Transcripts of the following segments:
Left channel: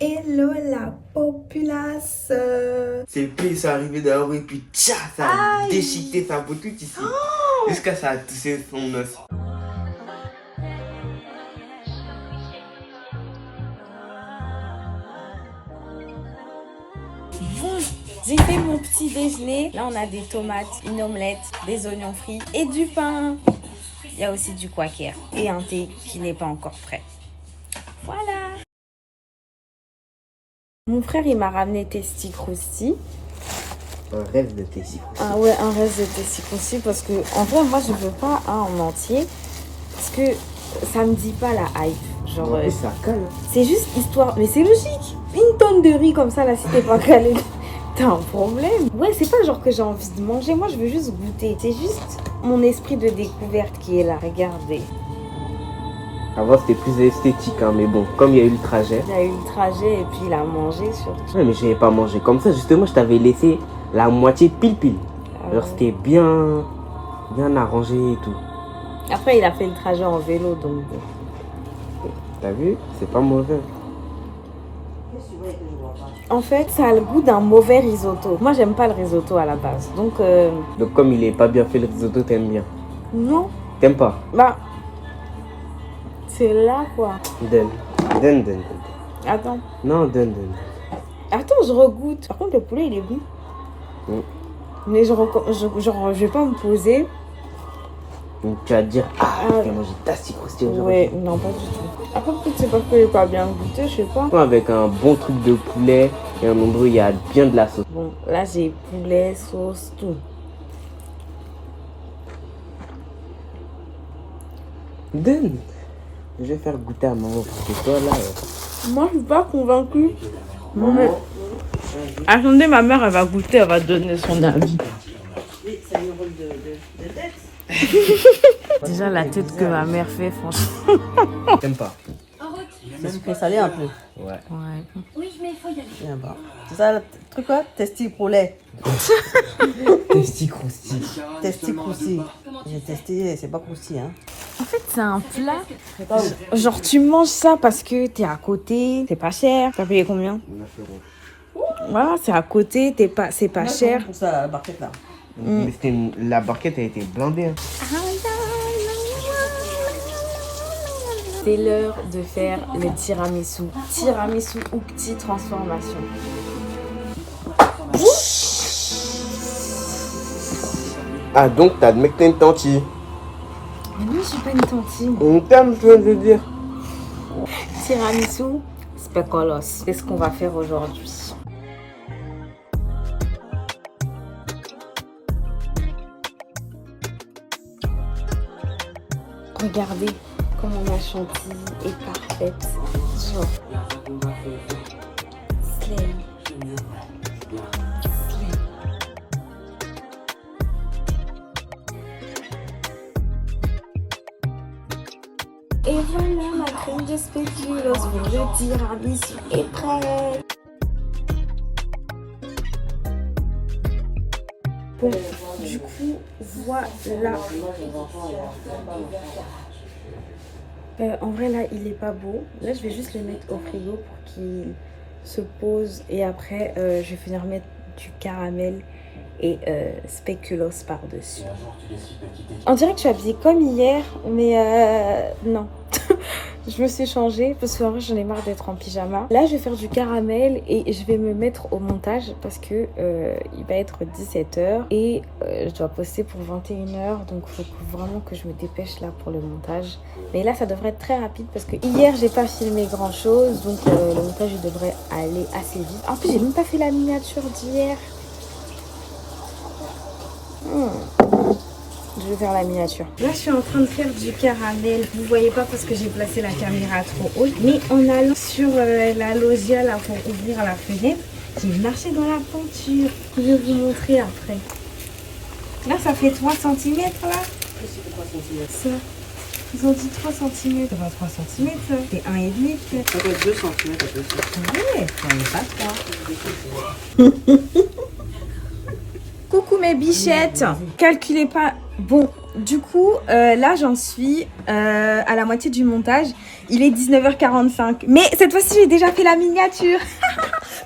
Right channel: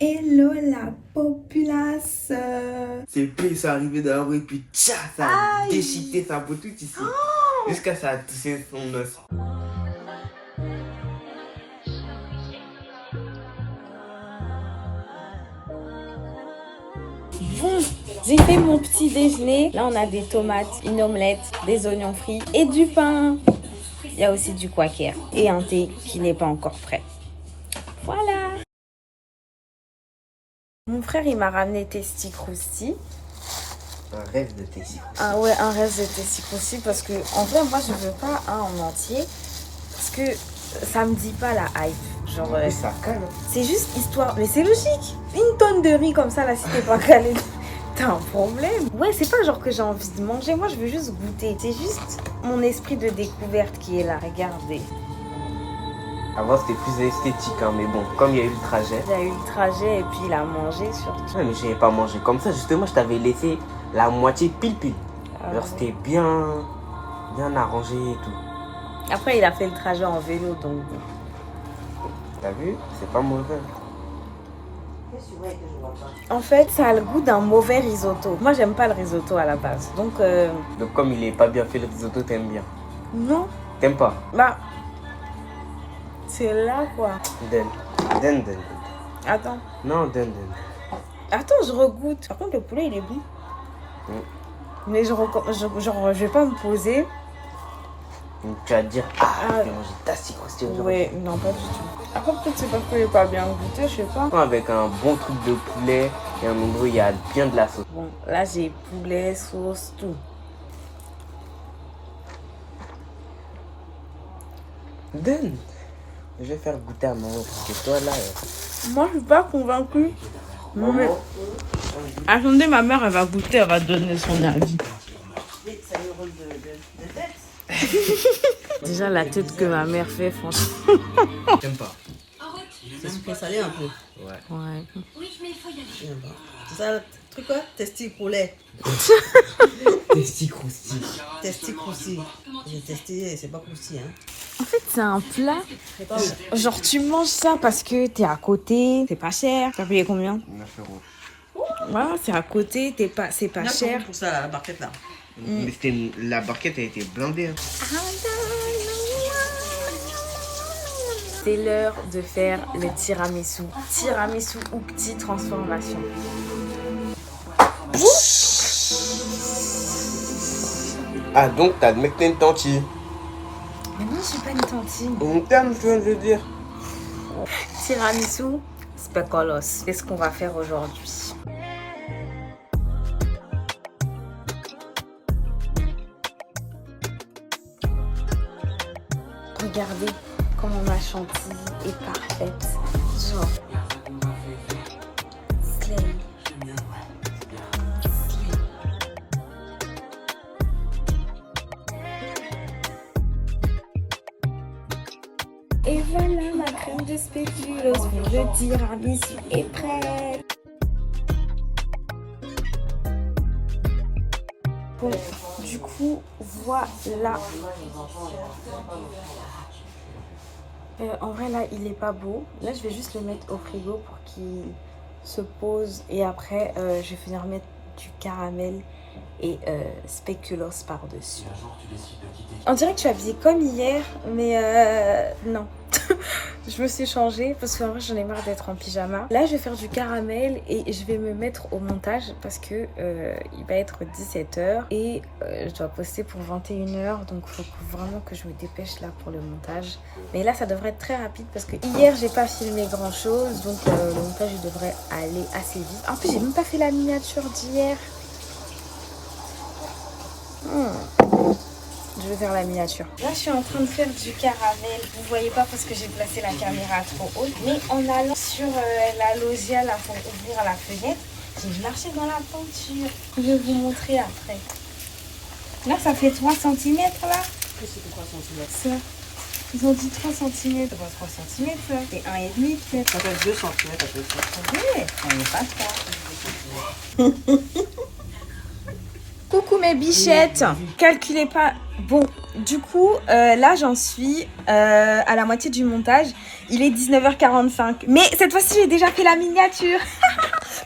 Hello la populace. C'est plus, ils sont arrivés dans la rue et puis tcha, ça a déchiqueté sa peau toute ici. Jusqu'à ça a touché son os. Bon, j'ai fait mon petit déjeuner. Là, on a des tomates, une omelette, des oignons frits et du pain. Il y a aussi du quaker et un thé qui n'est pas encore prêt. Voilà. Mon frère, il m'a ramené Testi Crousti. Un rêve de Tessie. Ah ouais, un reste de Testi Crousti parce que, en vrai, moi, je veux pas un en entier parce que ça me dit pas la hype. Genre, Ça cale. c'est juste histoire, mais c'est logique. Une tonne de riz comme ça, là, si t'es pas calé, t'as un problème. Ouais, c'est pas genre que j'ai envie de manger. Moi, je veux juste goûter. C'est juste mon esprit de découverte qui est là. Regardez. Avant, c'était plus esthétique, hein, mais bon, comme il y a eu le trajet. Il a eu le trajet et puis il a mangé surtout. Ouais, mais je n'avais pas mangé comme ça. Justement, je t'avais laissé la moitié pile-pile. Ah Genre, ouais. c'était bien arrangé et tout. Après, il a fait le trajet en vélo, donc bon. T'as vu? C'est pas mauvais. En fait, ça a le goût d'un mauvais risotto. Moi, j'aime pas le risotto à la base. Donc, Donc, comme il est pas bien fait le risotto, t'aimes bien. non. T'aimes pas? Bah, c'est là, quoi. Donne. Attends. Non, donne. Attends, je regoute. Par contre, le poulet, il est bon. Mm. Mais je vais pas me poser. Donc, tu vas te dire, Ah, j'ai mangé Tasty Crousti aujourd'hui. ouais, non, pas du tout. Après, peut-être c'est parce que j'ai pas bien goûté, je sais pas. Avec un bon truc de poulet et un endroit où il y a bien de la sauce. Bon, là, j'ai poulet, sauce, tout. Donne. Je vais faire goûter à maman parce que toi là. Moi, je suis pas convaincue. Mais... Attendez, ma mère, elle va goûter, elle va donner son avis. Déjà, la tête que ma mère fait, franchement. T'aimes pas? C'est sucré salé un peu. Ouais. Ouais. J'aime pas. C'est ça le truc là? Testi poulet. Tasty Crousti. Testi croussi. J'ai testé, c'est pas croussi hein. En fait, c'est un plat. Genre, tu manges ça parce que t'es à côté, c'est pas cher. T'as payé combien? 9 €. Voilà, c'est à côté, c'est pas cher. Pour ça, la barquette là. Mais la barquette a été blindée. Hein. C'est l'heure de faire le tiramisu. Tiramisu Ukti transformation. Ah donc t'as le mec t'as une tantine. Mais non, je suis pas une tantine. On t'aime, je viens de le dire. Tiramisu speculoos. C'est ce qu'on va faire aujourd'hui. Regardez comment ma chantilly est parfaite. Genre. Slay. Et voilà, ma crème de spéculoos pour le tiramisu est prête. Bon, du coup, voilà. En vrai, là, il est pas beau. Là, je vais juste le mettre au frigo pour qu'il se pose. Et après, je vais venir mettre du caramel et spéculoos par-dessus. On dirait que tu es habillée comme hier, mais non. Je me suis changée parce qu'en vrai j'en ai marre d'être en pyjama. Là je vais faire du caramel et je vais me mettre au montage parce que il va être 17h et je dois poster pour 21h, donc il faut vraiment que je me dépêche là pour le montage. Mais là ça devrait être très rapide parce que hier j'ai pas filmé grand chose, donc le montage devrait aller assez vite. En plus j'ai même pas fait la miniature d'hier. Je vais faire la miniature. Là, je suis en train de faire du caramel. Vous voyez pas parce que j'ai placé la caméra trop haute. Mais en allant sur la loggia là pour ouvrir la fenêtre, j'ai marché dans la peinture. Je vais vous montrer après. Là, ça fait 3 cm là. Ça. Ils ont dit 3 cm. C'est pas 3 cm, c'est 1,5 cm. Ça peut être 2 cm à peu près. Ouais, on n'est pas 3. Coucou mes bichettes. Calculez pas. Bon, du coup, là, j'en suis à la moitié du montage. Il est 19h45. Mais cette fois-ci, j'ai déjà fait la miniature.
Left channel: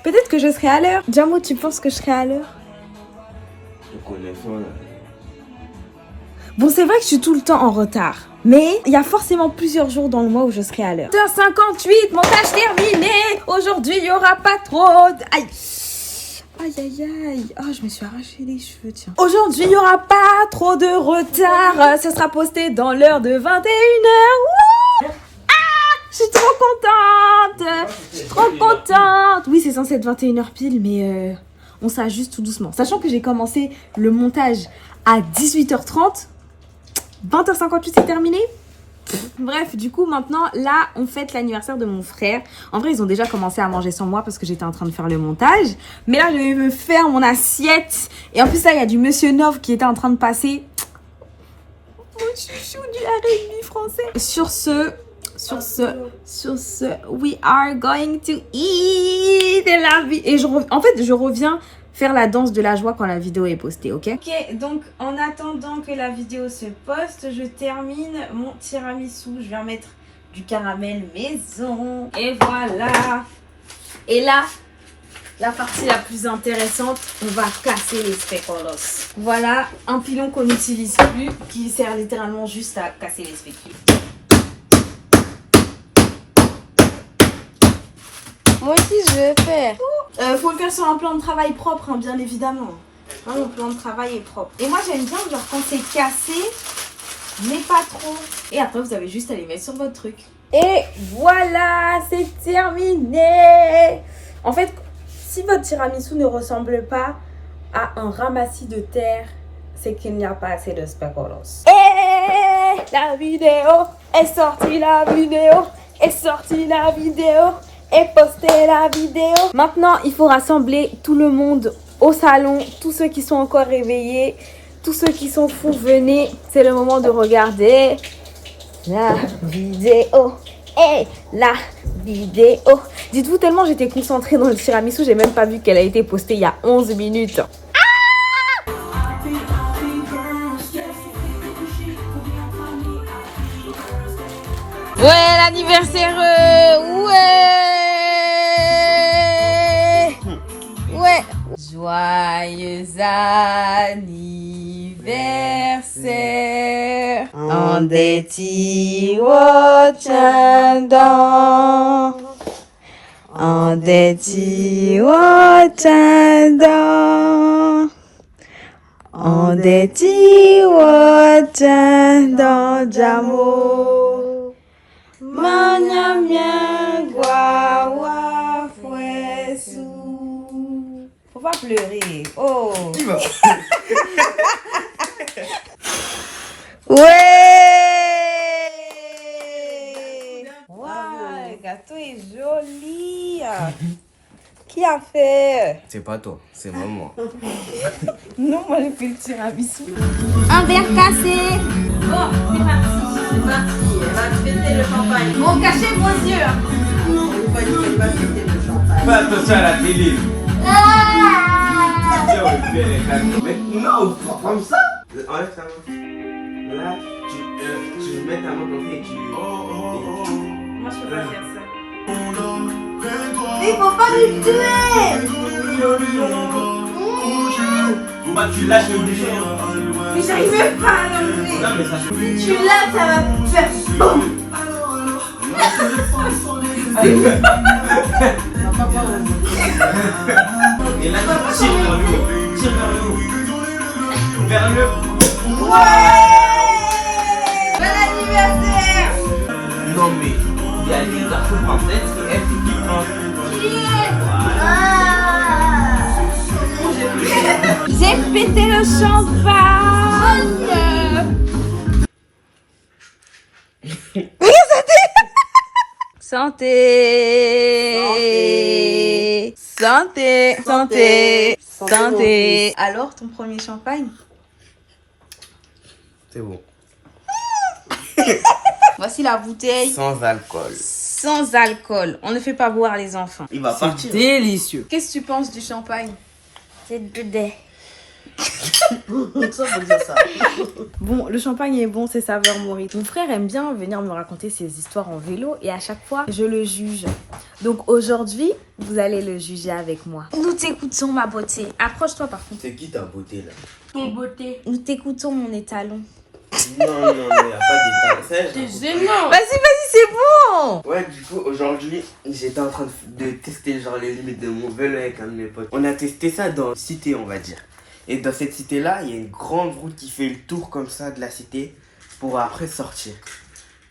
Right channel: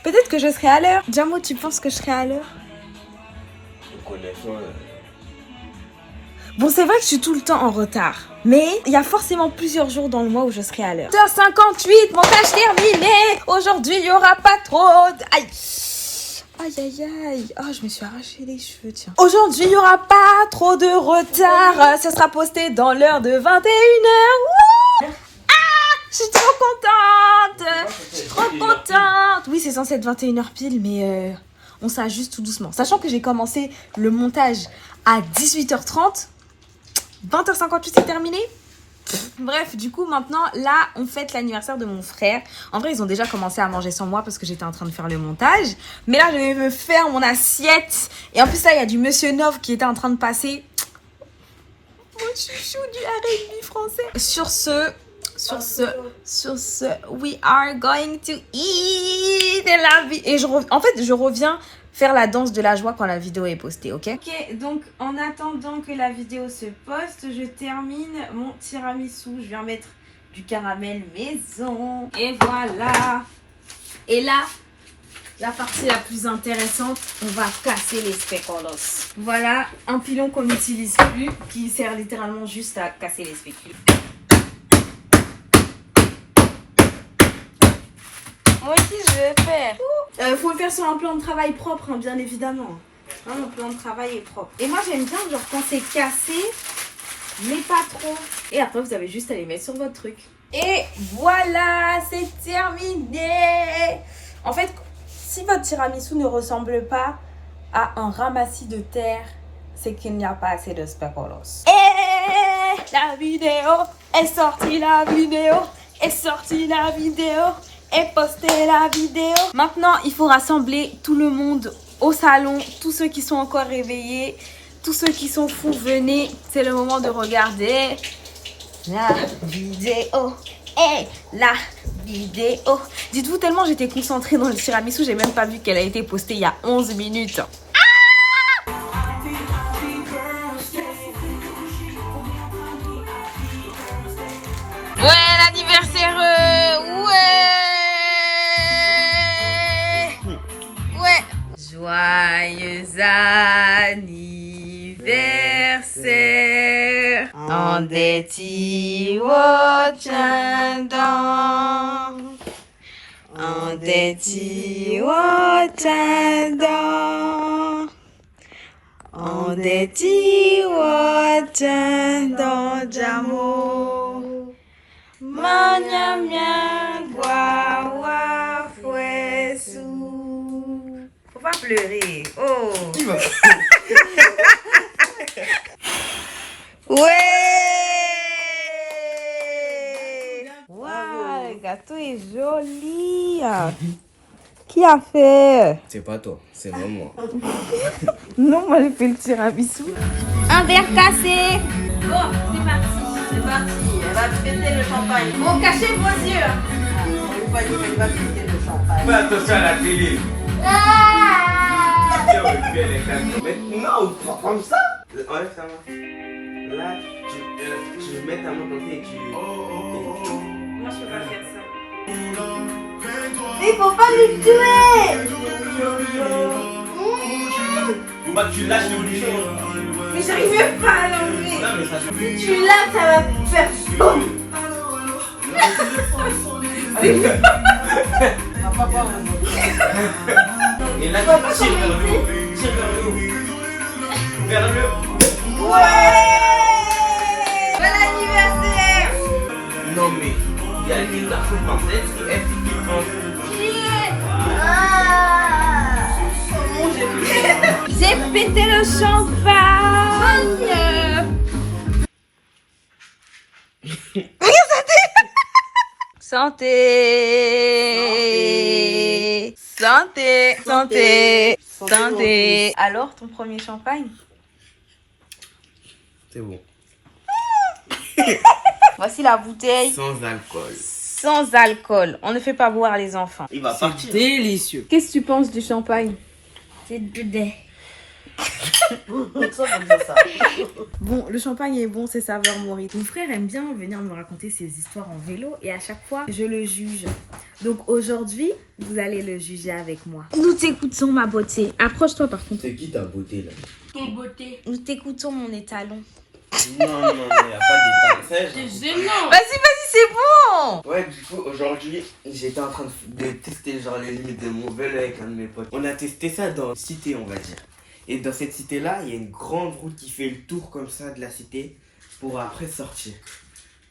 Peut-être que je serai à l'heure. Jamo, tu penses que je serai à l'heure? Bon, c'est vrai que je suis tout le temps en retard. Mais il y a forcément plusieurs jours dans le mois où je serai à l'heure. 8h58, montage terminé. Aujourd'hui, il n'y aura pas trop Aïe. Aïe, aïe, aïe. Oh, je me suis arraché les cheveux, tiens. Aujourd'hui, il n'y aura pas trop de retard. Ce sera posté dans l'heure de 21h. Je suis trop contente. Je suis trop contente. Oui, c'est censé être 21h pile, mais on s'ajuste tout doucement. Sachant que j'ai commencé le montage à 18h30. 20h58, c'est terminé. Bref, du coup, maintenant, là, on fête l'anniversaire de mon frère. En vrai, ils ont déjà commencé à manger sans moi parce que j'étais en train de faire le montage. Mais là, je vais me faire mon assiette. Et en plus, là, il y a du Monsieur Nov qui était en train de passer. Mon chouchou du R&B français. Sur ce, we are going to eat la vie. Et en fait, je reviens faire la danse de la joie quand la vidéo est postée, ok? Ok, donc en attendant que la vidéo se poste, je termine mon tiramisu. Je vais en mettre du caramel maison. Et voilà. Et là, la partie la plus intéressante, on va casser les speculoos. Voilà, un pilon qu'on n'utilise plus, qui sert littéralement juste à casser les spéculoos. Moi aussi, je vais faire. Faut le faire sur un plan de travail propre, hein, bien évidemment. Hein, mon plan de travail est propre. Et moi, j'aime bien, genre, quand c'est cassé, mais pas trop. Et après, vous avez juste à les mettre sur votre truc. Et voilà, c'est terminé. En fait, si votre tiramisu ne ressemble pas à un ramassis de terre, c'est qu'il n'y a pas assez de speculoos. Et la vidéo est sortie, la vidéo est sortie, la vidéo et poster la vidéo. Maintenant, il faut rassembler tout le monde au salon. Tous ceux qui sont encore réveillés, tous ceux qui sont fous, venez. C'est le moment de regarder la vidéo. Et la vidéo. Dites-vous, tellement j'étais concentrée dans le tiramisu, j'ai même pas vu qu'elle a été postée il y a 11 minutes. Ouais, l'anniversaire, ouais. Joyeux anniversaire. En des tiwotandang. En des tiwotandang. En des tiwotandang, Jamo. Manyamia guawa fuesu. Faut pas pleurer. Oh. Il va. Ouais. Waouh, le gâteau est joli. Qui a fait? C'est pas toi, c'est maman. Non, moi j'ai fait le tiramisu. Un verre cassé. Bon, c'est parti. Bon, cachez vos yeux. Fais attention à la télé. Non, comme ça. Enlève ta main. Là, tu mets ta main comme ça et tu... Moi, je peux pas faire ça. Il faut pas me tuer. Bah, tu lâches les obligé. Mais j'arrive même pas à l'enlever. Non, mais ça... Si tu l'as, ça va faire boum. Et là, tu tires vers le haut. Tire vers le haut. Vers le haut. Ouais. Bon anniversaire. Non, mais il y a des garçons français, elle qui prend. J'ai pété le champagne. Santé. Santé. Santé. Santé. Alors, ton premier champagne? C'est bon. Voici la bouteille. Sans alcool. Sans alcool. On ne fait pas boire les enfants. Il va partir. Délicieux. Qu'est-ce que tu penses du champagne? C'est du lait. Ça veut dire ça. Bon, le champagne est bon, c'est saveur Maurice. Mon frère aime bien venir me raconter ses histoires en vélo et à chaque fois, je le juge. Donc aujourd'hui, vous allez le juger avec moi. Nous t'écoutons, ma beauté. Approche-toi par contre. C'est qui ta beauté là? Mes beautés. Nous t'écoutons, mon étalon. Non, y a pas d'état. C'est gênant. Vas-y, c'est bon. Ouais, du coup, aujourd'hui, j'étais en train de tester genre les limites de mon vélo avec un de mes potes. On a testé ça dans une cité, on va dire. Et dans cette cité-là, il y a une grande route qui fait le tour comme ça de la cité pour après sortir.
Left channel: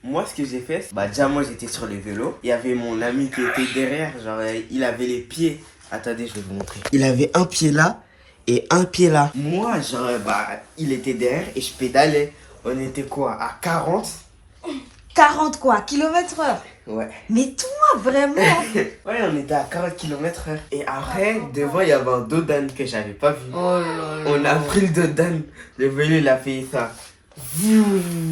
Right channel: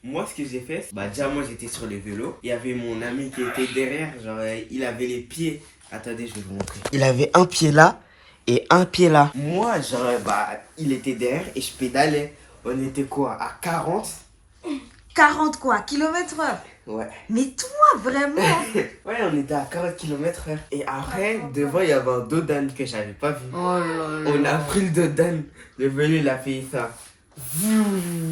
Moi, ce que j'ai fait, déjà moi j'étais sur les vélos. Il y avait mon ami qui était derrière, genre il avait les pieds. Attendez, je vais vous montrer. Il avait un pied là et un pied là. Moi, genre, il était derrière et je pédalais. On était quoi, à 40? 40 quoi, km/h. Ouais. Mais toi, vraiment. Ouais, on était à 40 km/h. Et après, devant, il y avait un dos d'âne que j'avais pas vu. Oh là là. On a pris le dos d'âne. Le vélo, il a fait ça.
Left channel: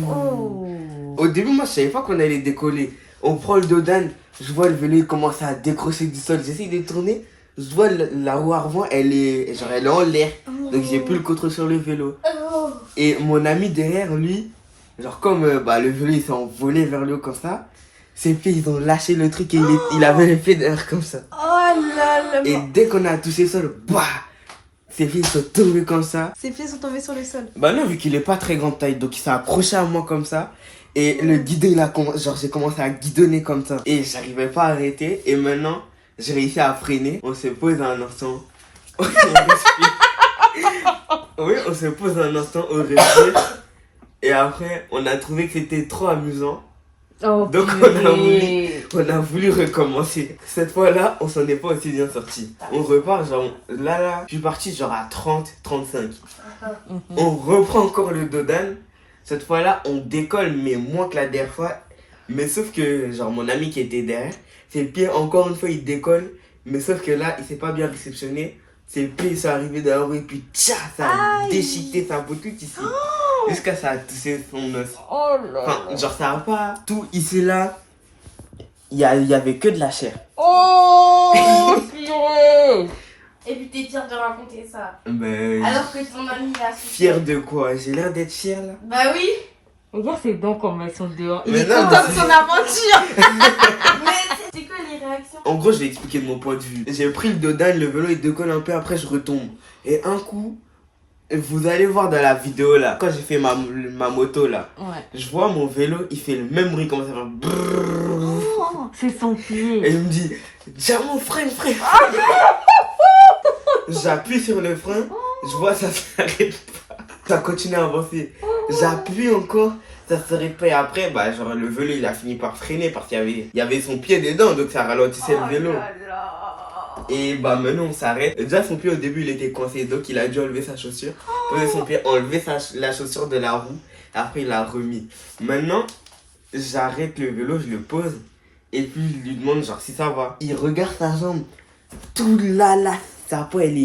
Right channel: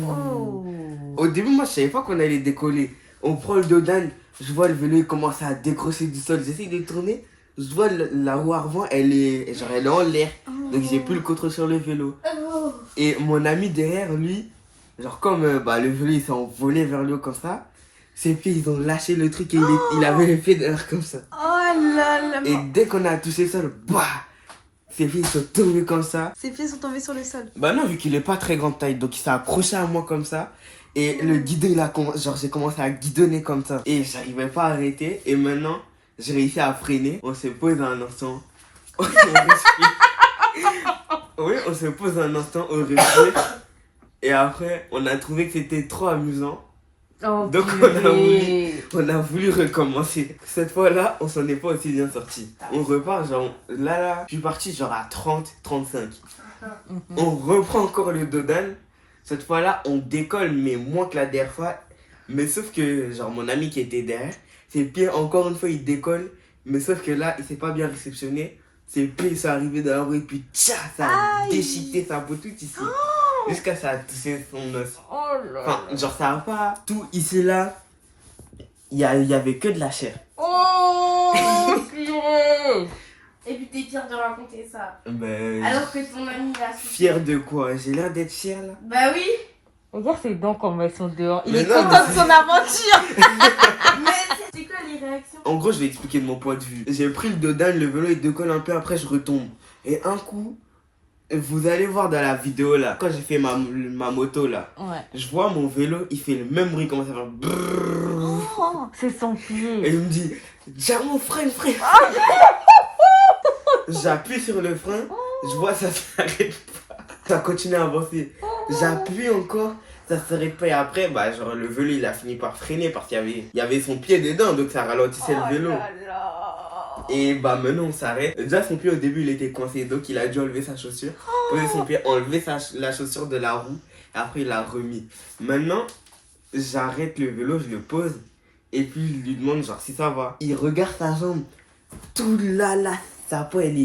Oh. Au début, moi, je savais pas qu'on allait décoller. On prend le dos d'âne. Je vois le vélo, il commence à décrocher du sol. J'essaie de tourner. Je vois la roue avant, elle est en l'air. Donc, j'ai plus le contrôle sur le vélo. Et mon ami derrière, lui, genre comme le vélo, il s'est envolé vers le haut comme ça. Ses pieds, ils ont lâché le truc et il avait les pieds derrière comme ça. Oh là là. Et dès qu'on a touché le sol, ses pieds sont tombés comme ça. Ses pieds sont tombés sur le sol. Bah non, vu qu'il est pas très grande taille, donc il s'est accroché à moi comme ça. Et le guidon, j'ai commencé à guidonner comme ça. Et j'arrivais pas à arrêter. Et maintenant, j'ai réussi à freiner. On se pose un instant. On respire. Oui, on se pose un instant, on respire. Et après, on a trouvé que c'était trop amusant. Oh, Donc on a voulu recommencer. Cette fois-là, on s'en est pas aussi bien sorti. On repart genre là, je suis parti genre à 30, 35. On reprend encore le dos d'âne. Cette fois-là, on décolle mais moins que la dernière fois. Mais sauf que genre mon ami qui était derrière, ses pieds encore une fois il décolle. Mais sauf que là, il s'est pas bien réceptionné. Ses pieds sont arrivés dans la roue et puis tcha, ça a déchiqueté sa peau tout ici. Jusqu'à ça a touché son os. Oh là. Enfin, genre ça a pas tout ici là. Il y avait que de la chair. Oh. Et puis t'es fier de raconter ça. Mais Alors que ton ami va se... fier de quoi? J'ai l'air d'être fier là. Bah oui. Regarde ses dents comme elles sont dehors. Il Mais est non, content mais de son aventure. Mais c'est quoi les réactions? En gros, je vais expliquer de mon point de vue. J'ai pris le dos d'âne, le vélo il décolle un peu, après je retombe. Et un coup, vous allez voir dans la vidéo là, quand j'ai fait ma moto là, Ouais. je vois mon vélo, il fait le même bruit, comment ça fait brrrr. Oh, c'est son Et pied. il me dit, Diamant, freine. J'appuie sur le frein, je vois ça s'arrête pas. Ça continue à avancer. J'appuie encore, ça s'arrête pas. Et après, genre le vélo il a fini par freiner parce qu'il y avait son pied dedans, donc ça ralentissait le vélo. Et maintenant on s'arrête. Déjà son pied au début il était coincé, donc il a dû enlever sa chaussure. Poser son pied, enlever la chaussure de la roue. Et après il l'a remis. Maintenant, j'arrête le vélo, je le pose. Et puis je lui demande genre si ça va. Il regarde sa jambe. Tout là, sa peau elle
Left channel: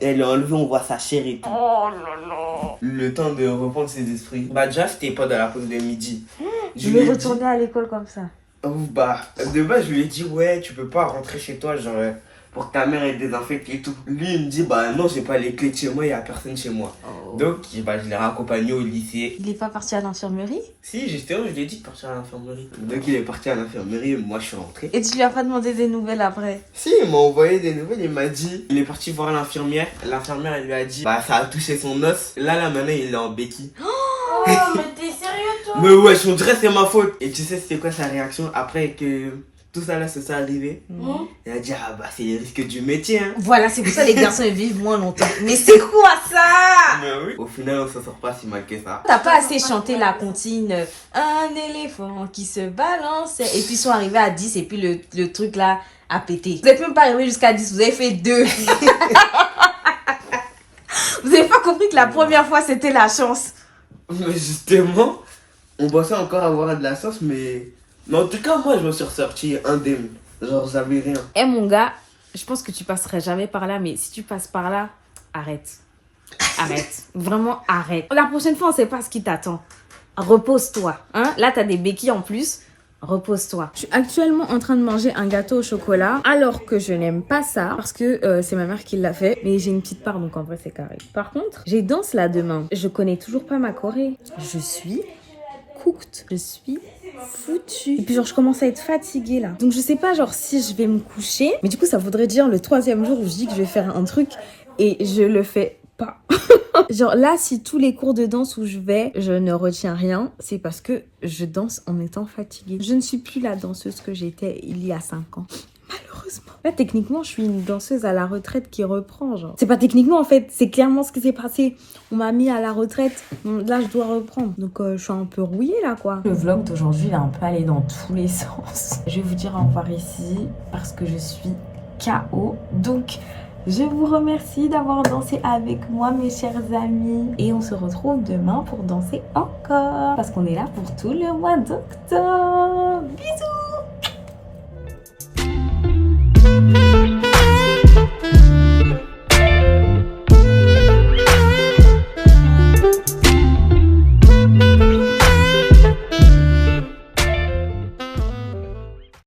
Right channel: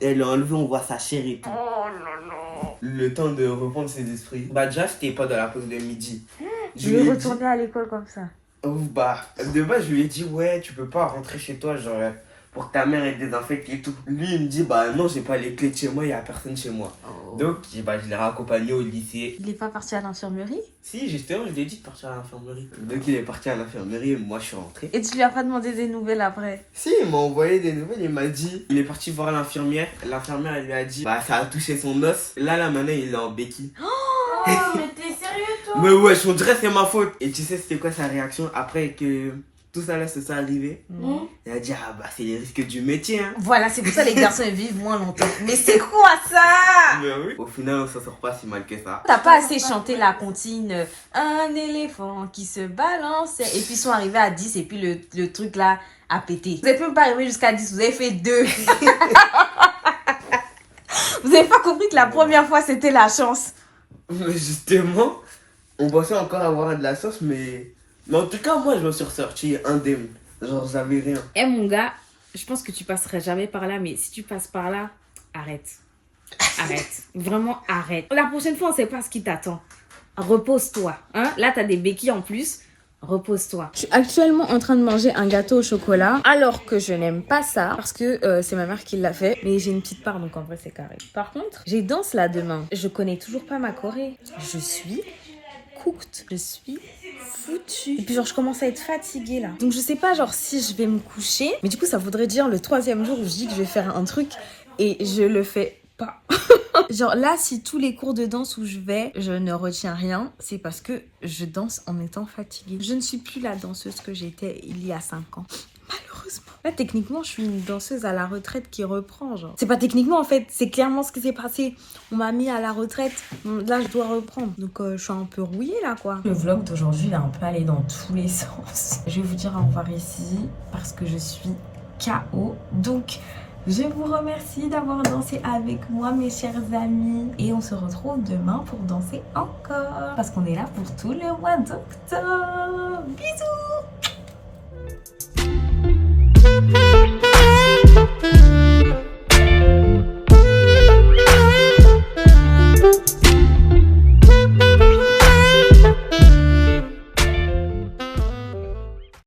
est enlevée, on voit sa chair et tout. Oh là là. Le temps de reprendre ses esprits. Déjà c'était pas dans la pause de midi. Je vais retourner à l'école comme ça. De base, je lui ai dit, ouais, tu peux pas rentrer chez toi, genre, pour que ta mère elle désinfecte et tout. Lui, il me dit, non, j'ai pas les clés de chez moi, il y a personne chez moi. Oh. Donc, je l'ai raccompagné au lycée. Il est pas parti à l'infirmerie? Si, justement, je lui ai dit de partir à l'infirmerie. Donc, il est parti à l'infirmerie, moi, je suis rentré. Et tu lui as pas demandé des nouvelles après? Si, il m'a envoyé des nouvelles, il m'a dit, il est parti voir l'infirmière. L'infirmière, elle lui a dit, ça a touché son os. Là, maintenant, il est en béquille. Oh, mais t'es sérieux toi? Mais ouais, on dirait que c'est ma faute. Et tu sais, c'était quoi sa réaction après que tout ça là se soit arrivé? Il a dit, c'est les risques du métier, hein. Voilà, c'est pour ça les garçons ils vivent moins longtemps. Mais c'est quoi ça? Mais oui. Au final, on s'en sort pas si mal que ça. T'as pas assez chanté la comptine un éléphant qui se balance. Et puis ils sont arrivés à 10 et puis le truc là a pété. Vous n'êtes même pas arrivé jusqu'à 10, vous avez fait 2. Vous avez pas compris que la première fois c'était la chance. Mais justement, on pensait encore avoir de la chance, mais en tout cas, moi, je me suis ressorti indemne. Genre, j'avais rien. Eh mon gars, je pense que tu passerais jamais par là, mais si tu passes par là, arrête. Arrête. Vraiment, arrête. La prochaine fois, on sait pas ce qui t'attend. Repose-toi. Hein? Là, t'as des béquilles en plus. repose-toi. Je suis actuellement en train de manger un gâteau au chocolat, alors que je n'aime pas ça, parce que c'est ma mère qui l'a fait, mais j'ai une petite part, donc en vrai c'est carré. Par contre, j'ai danse là demain. Je connais toujours pas ma choré. Je suis cooked. Je suis foutue. Et puis genre je commence à être fatiguée là. Donc je sais pas genre si je vais me coucher, mais du coup ça voudrait dire le 3e jour où je dis que je vais faire un truc et je le fais pas. Genre là, si tous les cours de danse où je vais, je ne retiens rien, c'est parce que je danse en étant fatiguée. Je ne suis plus la danseuse que j'étais il y a 5 ans. Malheureusement. Là, techniquement, je suis une danseuse à la retraite qui reprend, genre. C'est pas techniquement, en fait, c'est clairement ce qui s'est passé. On m'a mis à la retraite, là, je dois reprendre. Donc, je suis un peu rouillée, là, quoi. Le vlog d'aujourd'hui, il a un peu allé dans tous les sens. Je vais vous dire au revoir ici, parce que je suis KO. Donc... je vous remercie d'avoir dansé avec moi, mes chers amis. Et on se retrouve demain pour danser encore. Parce qu'on est là pour tout le mois d'octobre. Bisous!